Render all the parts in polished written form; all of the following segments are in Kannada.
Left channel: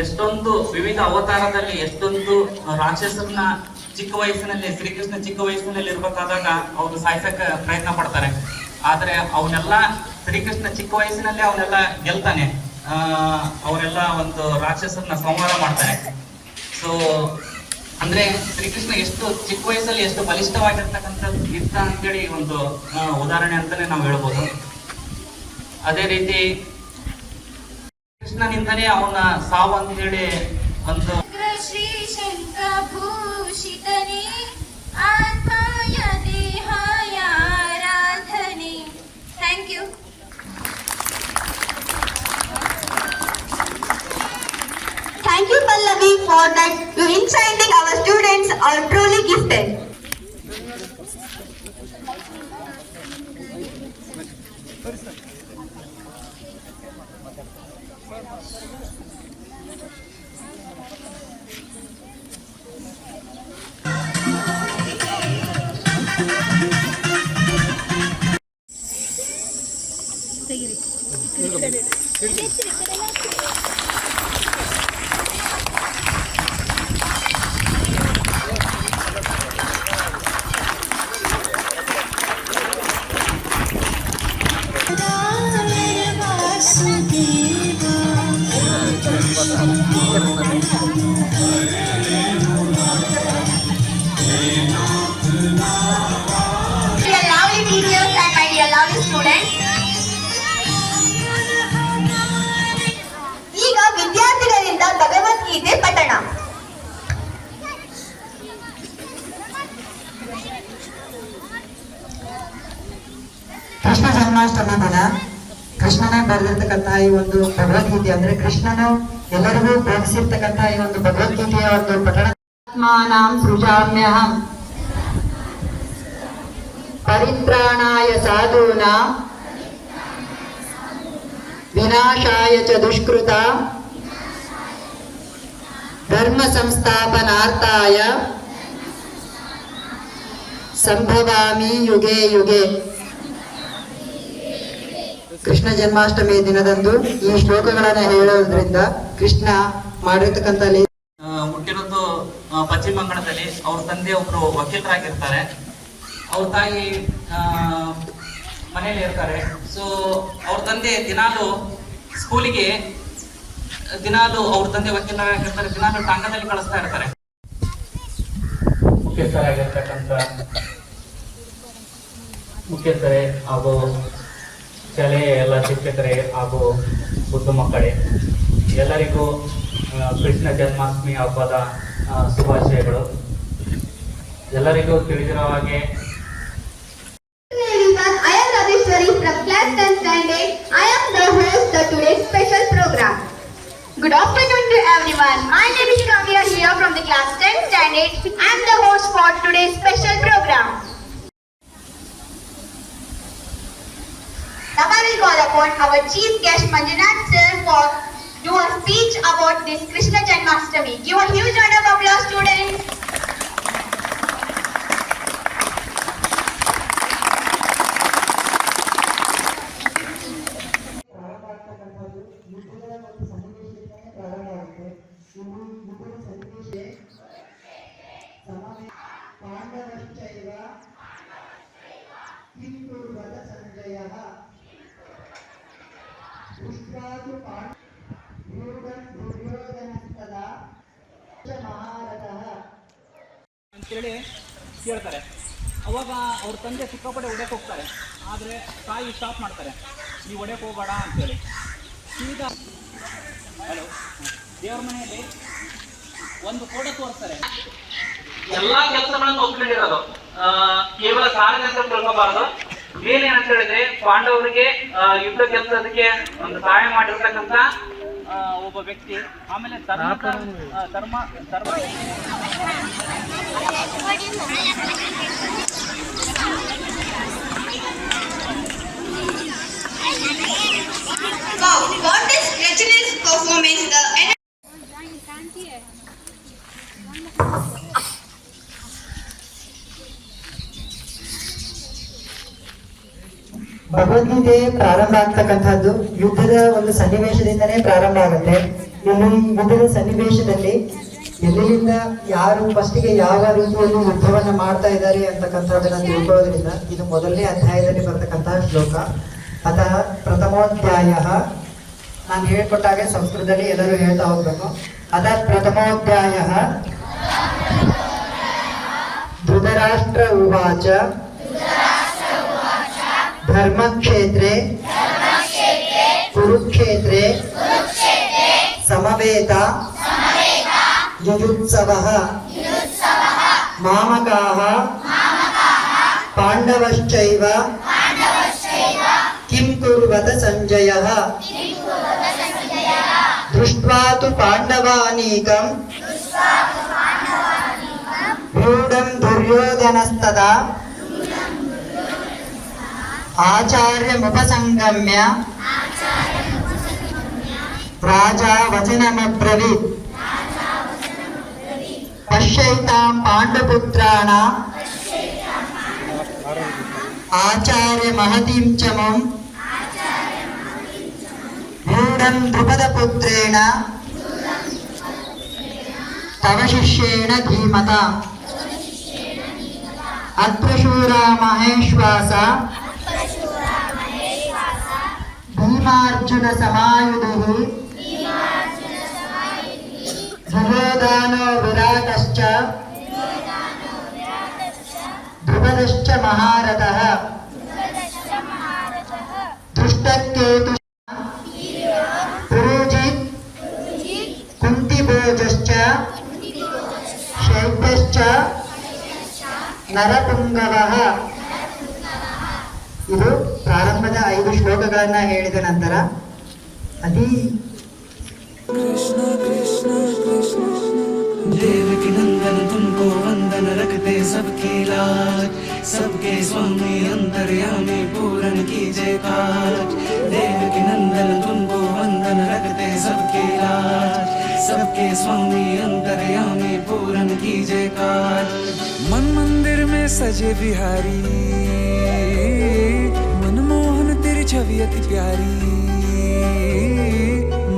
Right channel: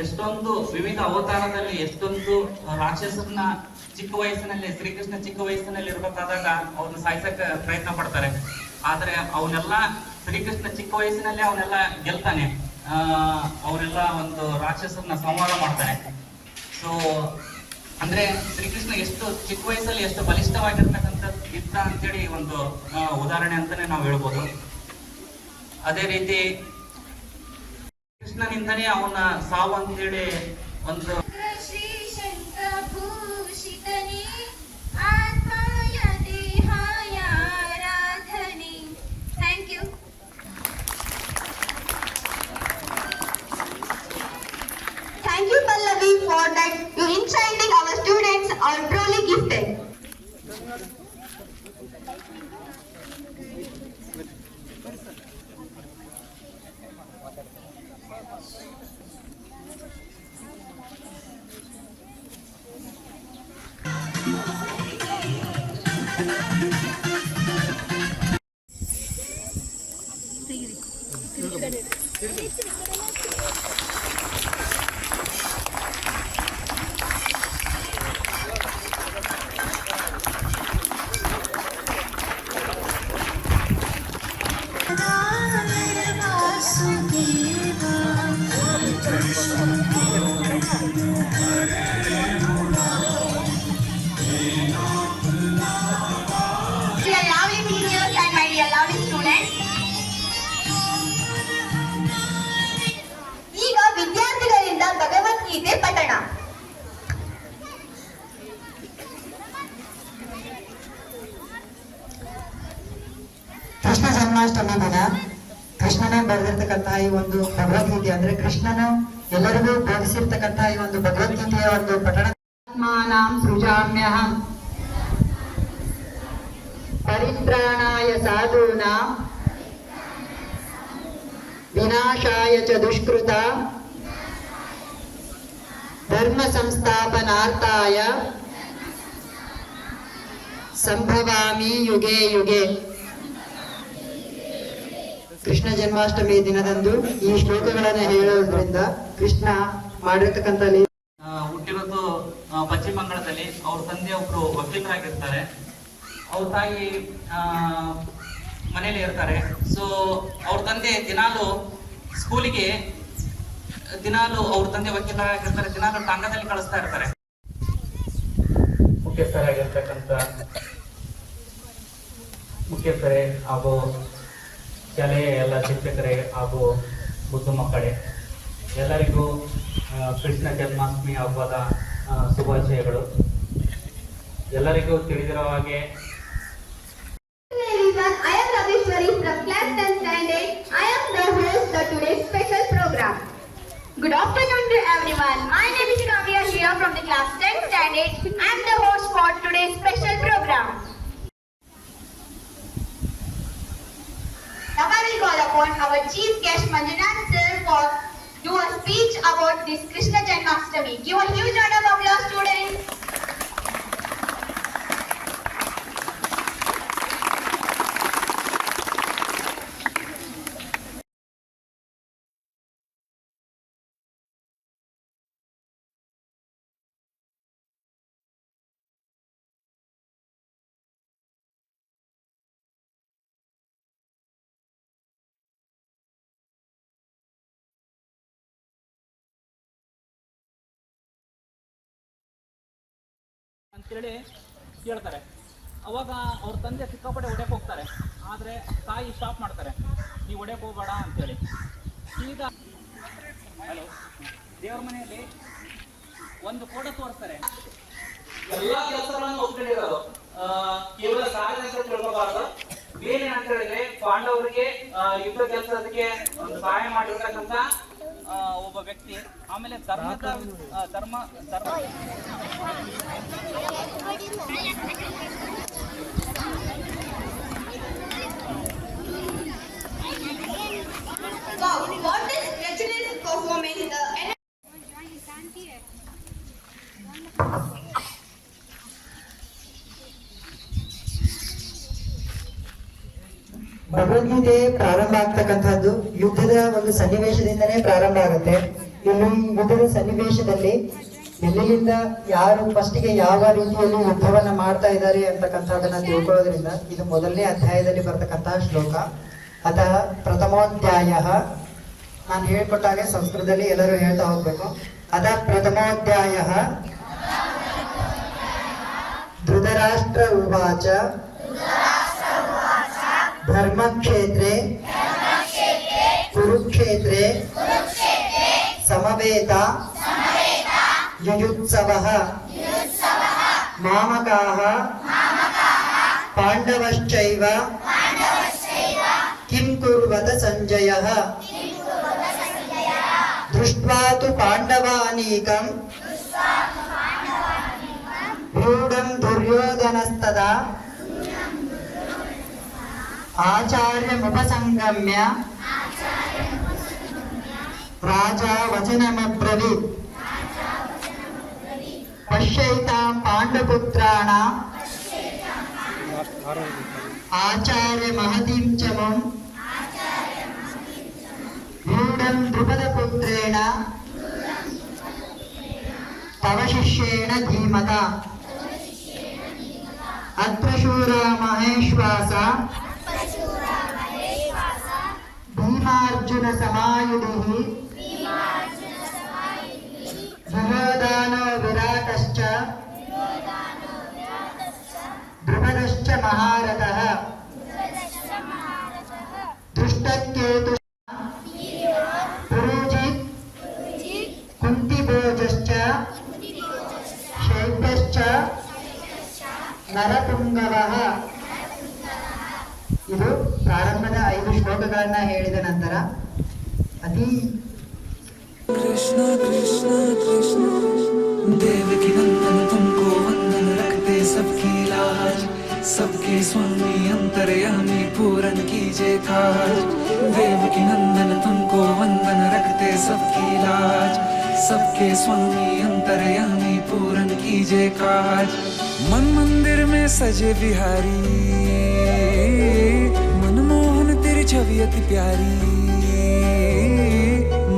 ಎಷ್ಟೊಂದು ವಿವಿಧ ಅವತಾರದಲ್ಲಿ ಎಷ್ಟೊಂದು ರಾಕ್ಷಸರನ್ನ ಚಿಕ್ಕ ವಯಸ್ಸಿನಲ್ಲಿ ಶ್ರೀಕೃಷ್ಣ ಚಿಕ್ಕ ವಯಸ್ಸಿನಲ್ಲಿ ಇರ್ಬೇಕಾದಾಗ ಅವ್ರು ಸಾಯ್ಸಕ ಪ್ರಯತ್ನ ಪಡ್ತಾರೆ. ಆದ್ರೆ ಅವನ್ನೆಲ್ಲ ಶ್ರೀಕೃಷ್ಣ ಚಿಕ್ಕ ವಯಸ್ಸಿನಲ್ಲಿ ಅವನ್ನೆಲ್ಲ ಗೆಲ್ತಾನೆ. ಅವರೆಲ್ಲ ಒಂದು ರಾಕ್ಷಸರನ್ನ ಸಂಹಾರ ಮಾಡ್ತಾರೆ. ಸೊ ಅಂದ್ರೆ ಶ್ರೀಕೃಷ್ಣ ಎಷ್ಟು ಚಿಕ್ಕ ವಯಸ್ಸಲ್ಲಿ ಎಷ್ಟು ಬಲಿಷ್ಠವಾಗಿರ್ತಕ್ಕಂಥದ್ದು ಇತ್ತ ಅಂತೇಳಿ ಒಂದು ಉದಾಹರಣೆ ಅಂತಾನೆ ನಾವು ಹೇಳ್ಬೋದು. ಅದೇ ರೀತಿ ಕೃಷ್ಣನಿಂದನೇ ಅವನ ಸಾವು ಅಂತೇಳಿ ಒಂದು ಶ್ರೀ ಶಂಕಭೂಷಿತನೇ ಆತ್ಮಾಯ ದೇಹಾಯ ಆರಾಧನೆ. Thank you. Thank you, Pallavi, for that. You enchanting our students are truly gifted. Krishna Janmashtami ದಿನ ಕೃಷ್ಣನ ಬರೆದಿರ್ತಕ್ಕಂತಹ ಈ ಒಂದು ಭಗವದ್ಗೀತೆ ಅಂದ್ರೆ ಕೃಷ್ಣನು ಎಲ್ಲರಿಗೂ ಬೋಧಿಸಿರ್ತಕ್ಕಂತಹ ಈ ಒಂದು ಭಗವದ್ಗೀತೆಯ ಒಂದು ಪಠಣ ಸೃಜಾಮ್ಯಹಂ ಪರಿತ್ರಾಣಾಯ ಸಾಧೂನಾಂ ವಿನಾಶಾಯ ಚ ದುಷ್ಕೃತ ಧರ್ಮ ಸಂಸ್ಥಾಪನಾರ್ಥಾಯ ಸಂಭವಾಮಿ ಯುಗೆ ಯುಗೆ. ಕೃಷ್ಣ ಜನ್ಮಾಷ್ಟಮಿ ದಿನದಂದು ಈ ಶ್ಲೋಕಗಳನ್ನ ಹೇಳೋದ್ರಿಂದ ಕೃಷ್ಣ ಮಾಡಿರ್ತಕ್ಕಂಥ ಹುಟ್ಟಿರೋದು ಪಶ್ಚಿಮ ಬಂಗಾಳದಲ್ಲಿ. ಅವ್ರ ತಂದೆ ಒಬ್ರು ವಕೀಲರಾಗಿರ್ತಾರೆ. ಅವ್ರ ತಾಯಿ ಮನೇಲಿ ಇರ್ತಾರೆ. ಸೊ ಅವ್ರ ತಂದೆ ದಿನಾಲು ಸ್ಕೂಲಿಗೆ ಅವ್ರ ತಂದೆ ವಕೀಲರಾಗಿರ್ತಾರೆ. ದಿನಾಲು ಟಾಂಗದಲ್ಲಿ ಕಳಿಸ್ತಾ ಇರ್ತಾರೆ. ಮುಖ್ಯಸ್ಥರೇ ಹಾಗೂ ಶಾಲೆಯ ಎಲ್ಲ ಶಿಕ್ಷಕರೇ ಹಾಗೂ ಬುದ್ಧ ಮಕ್ಕಳೇ, ಎಲ್ಲರಿಗೂ ಕೃಷ್ಣ ಜನ್ಮಾಷ್ಟಮಿ ಹಬ್ಬದ ಶುಭಾಶಯಗಳು. ಎಲ್ಲರಿಗೂ ತಿಳಿದಿರೋ ಹಾಗೆ I am Ravishwari from class 10 standard. I am the host of today's special program. Good afternoon to everyone. My name is Kavya here from the class 10 standard. I am the host for today's special program. Now I will call upon our chief guest Manjunath sir for do a speech about this Krishna Janmashtami. Give a huge round of applause, students. ಅಂತೇಳಿ ಕೇಳ್ತಾರೆ. ಅವಾಗ ಅವ್ರ ತಂದೆ ಸಿಕ್ಕಾಪಟ್ಟೆ ಹೊಡೆಯಕ್ಕೆ ಹೋಗ್ತಾರೆ. ಆದರೆ ತಾಯಿ ಸ್ಟಾಪ್ ಮಾಡ್ತಾರೆ, ನೀವು ಹೊಡೆಯಕ್ಕೆ ಹೋಗಬೇಡ ಅಂತೇಳಿ. ಈಗ ದೇವ್ರ ಮನೆಯಲ್ಲಿ ಒಂದು ಫೋಟೋ ತೋರಿಸ್ತಾರೆ. ಎಲ್ಲ ಕೆಲಸಗಳನ್ನು ಒಪ್ಪಿಕೊಂಡಿರೋದು, ಕೇವಲ ಸಾಧನೆ ಅಂತ ತಿಳ್ಕೋಬಾರದು. ಏನೇನಂತ ಹೇಳಿದ್ರೆ ಪಾಂಡವರಿಗೆ ಯುದ್ಧ ಕೆಲಸದಕ್ಕೆ ಒಂದು ಸಹಾಯ ಮಾಡಿರ್ತಕ್ಕಂಥ ಒಬ್ಬ ವ್ಯಕ್ತಿ. ಆಮೇಲೆ ಧರ್ಮ What is Rachna's performance? Bhagavad Gita ಪ್ರಾರಂಭ ಆಗ್ತಕ್ಕಂಥದ್ದು ಯುದ್ಧದ ಒಂದು ಸನ್ನಿವೇಶದಿಂದನೇ ಪ್ರಾರಂಭ ಆಗುತ್ತೆ. ಇಲ್ಲಿ ಯುದ್ಧದ ಸನ್ನಿವೇಶದಲ್ಲಿ ಎಲ್ಲಿಂದ ಯಾರು ಫಸ್ಟಿಗೆ ಯಾವ ರೀತಿಯಲ್ಲಿ ಯುದ್ಧವನ್ನ ಮಾಡ್ತಾ ಇದ್ದಾರೆ ಅಂತಕ್ಕಂಥದ್ದನ್ನ ತಿಳ್ಕೊಳ್ಳೋದ್ರಿಂದ ಇದು ಮೊದಲನೇ ಅಧ್ಯಾಯದಲ್ಲಿ ಬರ್ತಕ್ಕಂತಹ ಶ್ಲೋಕ. ಅತಃ ಪ್ರಥಮೋಧ್ಯಾಯ, ನಾನು ಹೇಳ್ಕೊಟ್ಟಾಗೆ ಸಂಸ್ಕೃತದಲ್ಲಿ ಎಲ್ಲರೂ ಹೇಳ್ತಾ ಹೋಗ್ಬೇಕು. ಅದ ಪ್ರಥಮೋಧ್ಯಾಯ ಧೃತರಾಷ್ಟ್ರ ಉವಾಚ ಧರ್ಮಕ್ಷೇತ್ರೇ ಕುರುಕ್ಷೇತ್ರೇ ಸಮವೇತ ಜುಜುತ್ಸವಃ ಮಾಮಕಾಃ ಪಾಂಡವಶ್ಚೈವ ಕಿಂ ಕುರ್ವತ ಸಂಜಯಃ ದೃಷ್ಟ್ವಾ ತು ಪಾಂಡವಾನೀಕಂ ಮೂಢಂ ದುರ್ಯೋಧನಸ್ತದಾ ಆಚಾರ್ಯಮುಪಸಂಗಮ್ಯ ರಾಜಾ ವಚನಮಬ್ರವೀತ್ ಪಶ್ಯೈತಾಂ ಪಾಂಡುಪುತ್ರಾಣಾಂ ಆಚಾರ್ಯ ಮಹತೀಂ ಚ ಮಂ ಮೂಢಂ ದ್ರುಪದಪುತ್ರೇಣ ತವ ಶಿಷ್ಯೇಣ ಧೀಮತ ಅತ್ರ ಶೂರಾ ಮಹೇಶ್ವಾಸ ಭೀಮಾರ್ಜುನ ಸಮಾಯುಧಿಃ ದುರ್ಯೋಧನೋ ವಿರಾಟಶ್ಚ ದ್ರುಪದಶ್ಚ ಮಹಾರಥಃ ದೃಷ್ಟಕೇತು ಪುರುಜಿತ್ ಕುಂತಿಭೋಜಶ್ಚ ಶೈಬ್ಯಶ್ಚ ನರಪುಂಗವಃ. ಇದು ಪ್ರಾರಂಭದ 5 ಶ್ಲೋಕಗಳನ್ನ ಹೇಳಿದ ನಂತರ ಅತಿ कृष्ण कृष्ण कृष्ण देवकी नंदन तुमको वंदन रखते सबकी लाज, सबके स्वामी अंतर्यामी पूरन कीजे काज। देवकी नंदन तुमको वंदन रखते सबकी लाज, सबके स्वामी अंतर्यामी पूरन कीजे काज। मन मंदिर में सजे बिहारी, मनमोहन तेरी छवि अति प्यारी।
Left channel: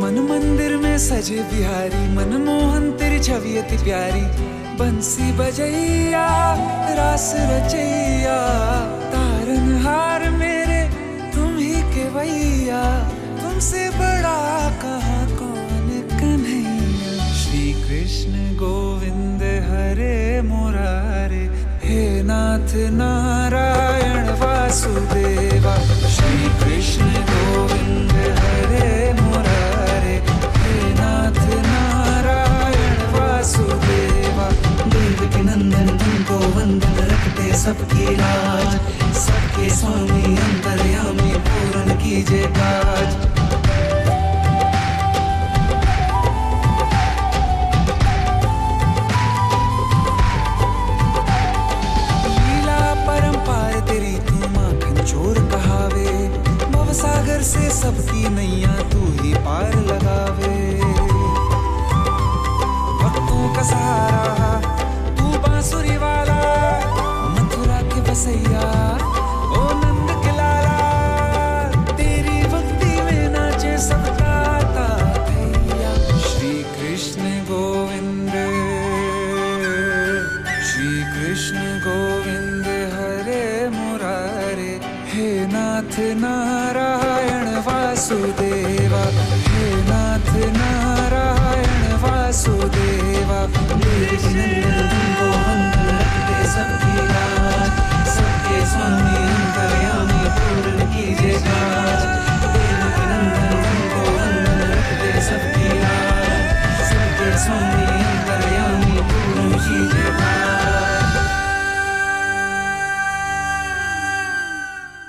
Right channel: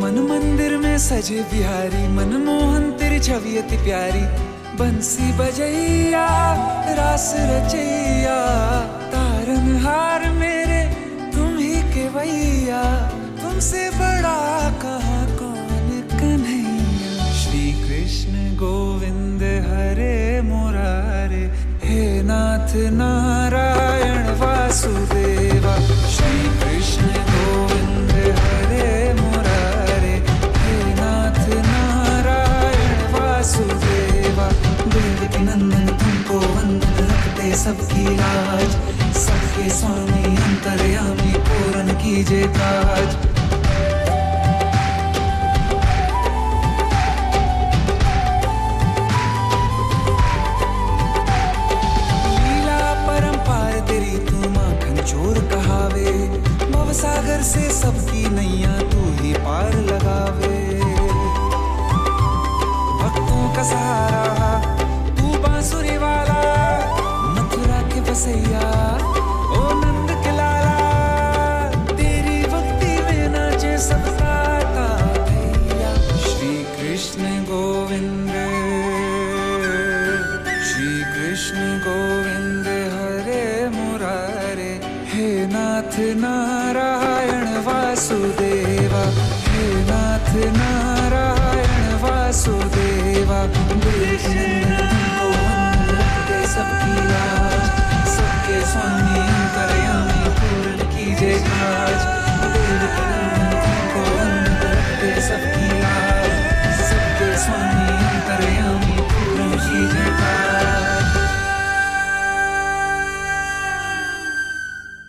मन मंदिर में सजे बिहारी, मनमोहन तेरी छवि अति प्यारी। बंसी बजैया रास रचैया, तारनहार मेरे तुम ही केवैया। तुमसे बड़ा कहाँ कौन कन्हैया। श्री कृष्ण गोविंद हरे मुरारे, हे नाथ नारायण वासुदेवा। श्री कृष्ण गोविंद हरे मुरारे, हे नाथ नारायण वासुदेवा। देवकी नंदन तुमको वंदन रखते सबकी लाज, सबके स्वामी अंतर्यामी पूरन कीजे काज। लीला परंपार तेरी तू माखन चोर कहावे, भवसागर से सबकी नैया तू ही पार लगावे। भक्तों का सहारा तू बांसुरी वाला, मथुरा के बसैया ओ नंद के लाला। तेरी भक्ति में नाचे सब ताता भैया। श्री कृष्ण गोविंद, श्री कृष्ण गोविंद हरे मुरारे, हे नाथ नारायण वासुदेवा। हे नाथ नारायण वासुदेवा। देवकी नंदन तुमको